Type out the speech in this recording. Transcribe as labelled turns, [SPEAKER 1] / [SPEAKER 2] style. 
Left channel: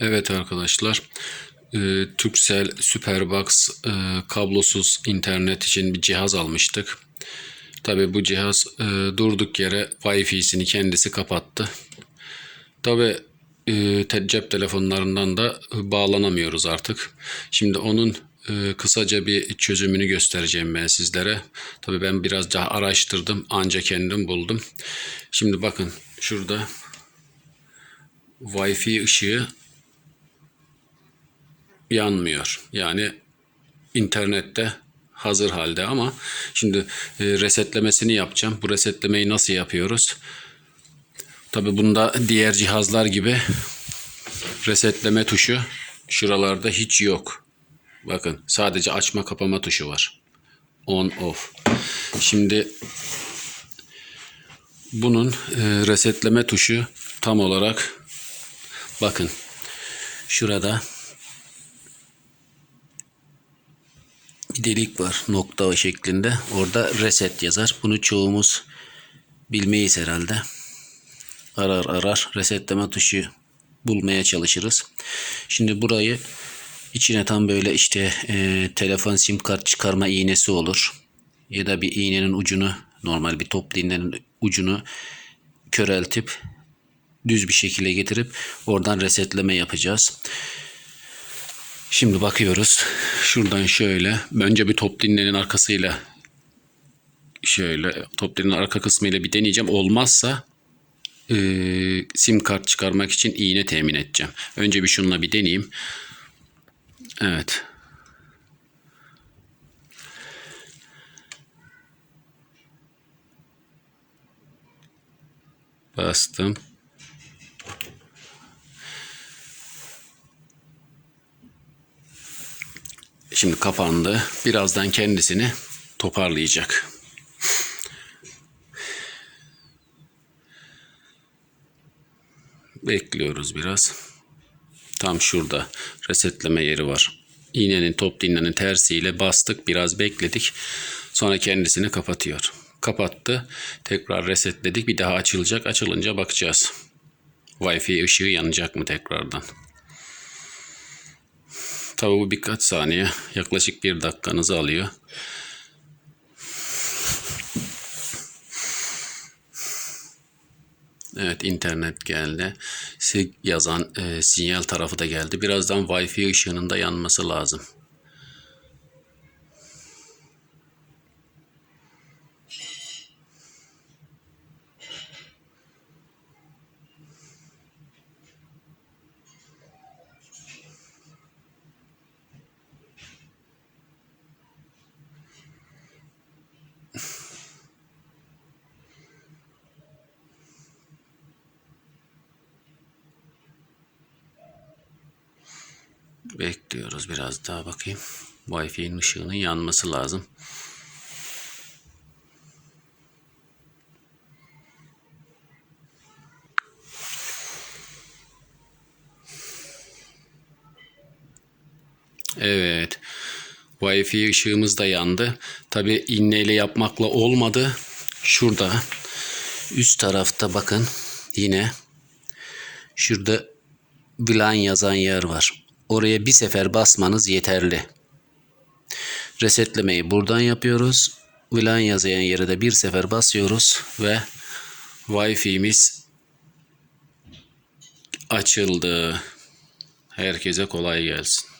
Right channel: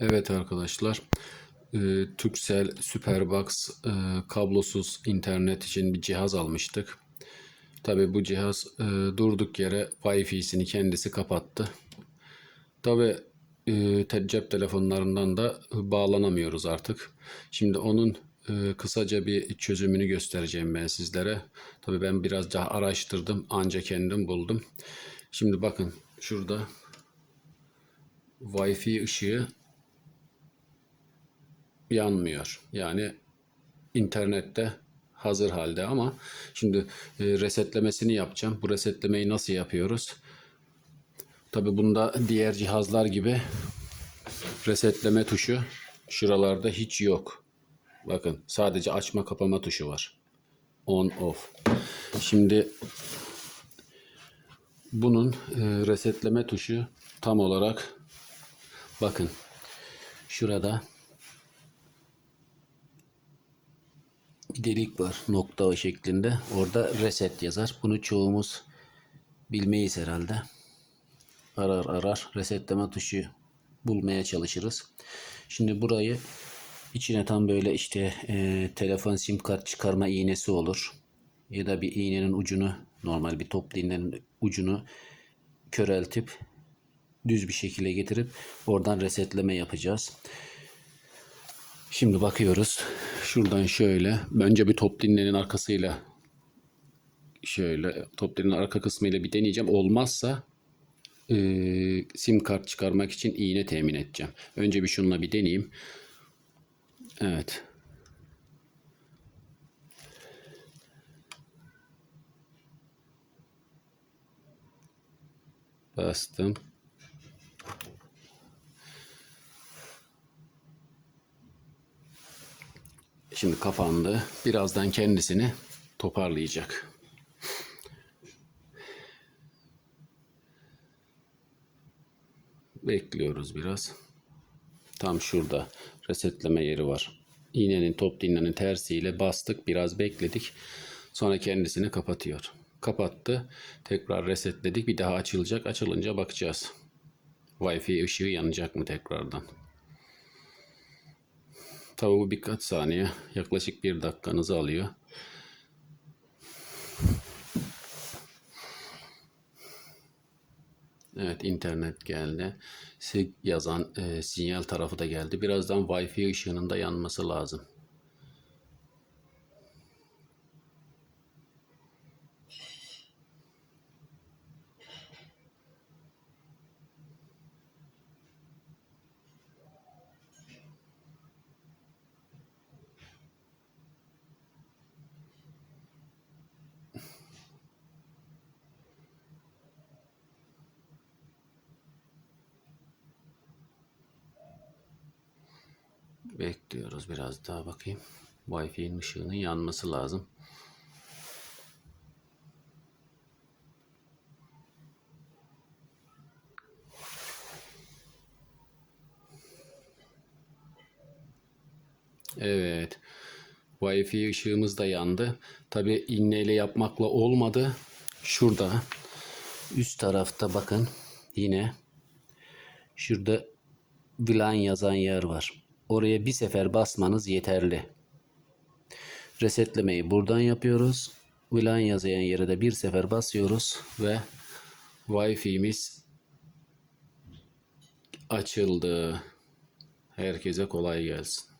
[SPEAKER 1] Evet arkadaşlar, e, Superbox e, kablosuz internet için bir cihaz almıştık. Tabi bu cihaz e, durduk yere Wi-Fi'sini kendisi kapattı. Tabi e, cep telefonlarından da bağlanamıyoruz artık. Şimdi onun kısaca bir çözümünü göstereceğim ben sizlere. Tabi ben biraz daha araştırdım, anca kendim buldum. Şimdi bakın şurada Wi-Fi ışığı yanmıyor. Yani internette hazır halde ama şimdi e, resetlemesini yapacağım. Bu resetlemeyi nasıl yapıyoruz? Tabi bunda diğer cihazlar gibi resetleme tuşu şuralarda hiç yok. Bakın sadece açma kapama tuşu var. On off. Şimdi bunun e, resetleme tuşu tam olarak bakın şurada bir delik var nokta şeklinde. Orada reset yazar. Bunu çoğumuz bilmeyiz herhalde. Arar arar resetleme tuşu bulmaya çalışırız. Şimdi burayı içine tam böyle işte e, telefon sim kart çıkarma iğnesi olur. Ya da bir iğnenin ucunu normal bir toplu iğnenin ucunu köreltip düz bir şekilde getirip oradan resetleme yapacağız. Şimdi bakıyoruz. Şuradan şöyle. Önce bir top dinlenin arkasıyla şöyle top dinlenin arka kısmıyla bir deneyeceğim. Olmazsa e, sim kart çıkarmak için iğne temin edeceğim. Önce bir şununla bir deneyeyim. Evet. Bastım. Şimdi kapandı. Birazdan kendisini toparlayacak. Bekliyoruz biraz. Tam şurada resetleme yeri var. İğnenin top dinlenin tersiyle bastık. Biraz bekledik. Sonra kendisini kapatıyor. Kapattı. Tekrar resetledik. Bir daha açılacak. Açılınca bakacağız. Wi-Fi ışığı yanacak mı tekrardan? Tabi bu birkaç saniye yaklaşık bir dakikanızı alıyor. Evet internet geldi. Sig yazan e, sinyal tarafı da geldi. Birazdan Wi-Fi ışığının da yanması lazım. Bekliyoruz biraz daha bakayım. Wi-Fi'nin ışığının yanması lazım. Evet. Wi-Fi ışığımız da yandı. Tabi inneyle yapmakla olmadı. Şurada üst tarafta bakın yine şurada VLAN yazan yer var. Oraya bir sefer basmanız yeterli. Resetlemeyi buradan yapıyoruz. VLAN yazan yere de bir sefer basıyoruz ve Wi-Fi'miz açıldı. Herkese kolay gelsin.